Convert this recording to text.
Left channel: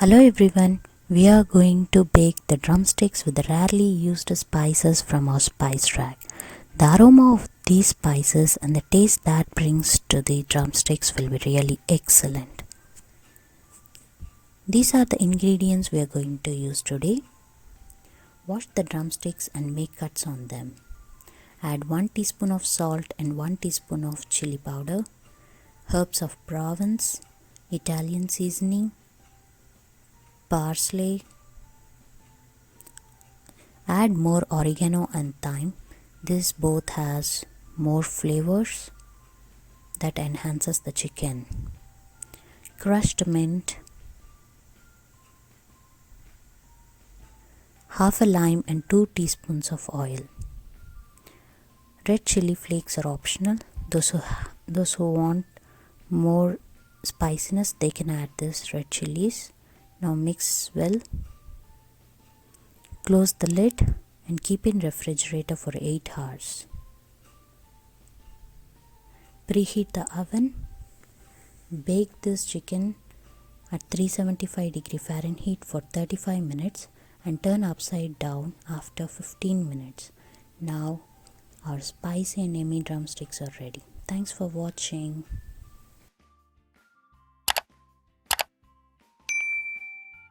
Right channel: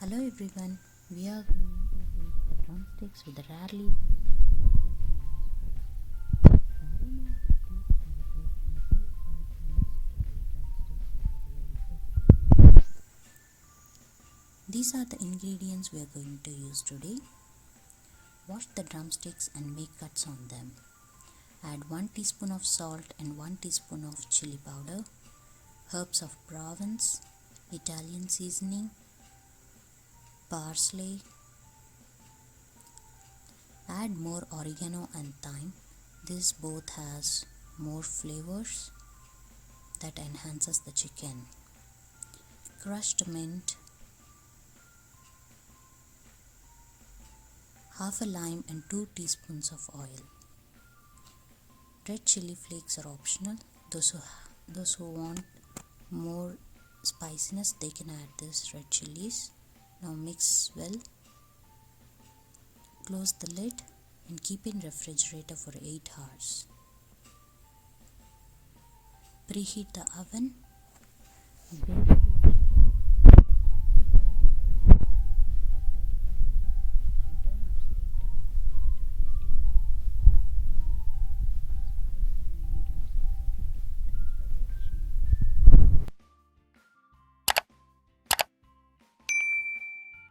Hello everyone, we are going to bake the drumsticks with the rarely used spices from our spice rack. The aroma of these spices and the taste that brings to the drumsticks will be really excellent. These are the ingredients we are going to use today. Wash the drumsticks and make cuts on them. Add 1 teaspoon of salt and 1 teaspoon of chilli powder, herbs of Provence, Italian seasoning, parsley. Add more oregano and thyme. This both has more flavors that enhances the chicken. Crushed mint, half a lime and 2 teaspoons of oil. Red chilli flakes are optional. Those who want more spiciness, they can add this red chilies. Now mix well. Close the lid and keep in refrigerator for 8 hours. Preheat the oven. Bake this chicken at 375 Fahrenheit for 35 minutes and turn upside down after 15 minutes. Now our spicy and yummy drumsticks are ready. Thanks for watching.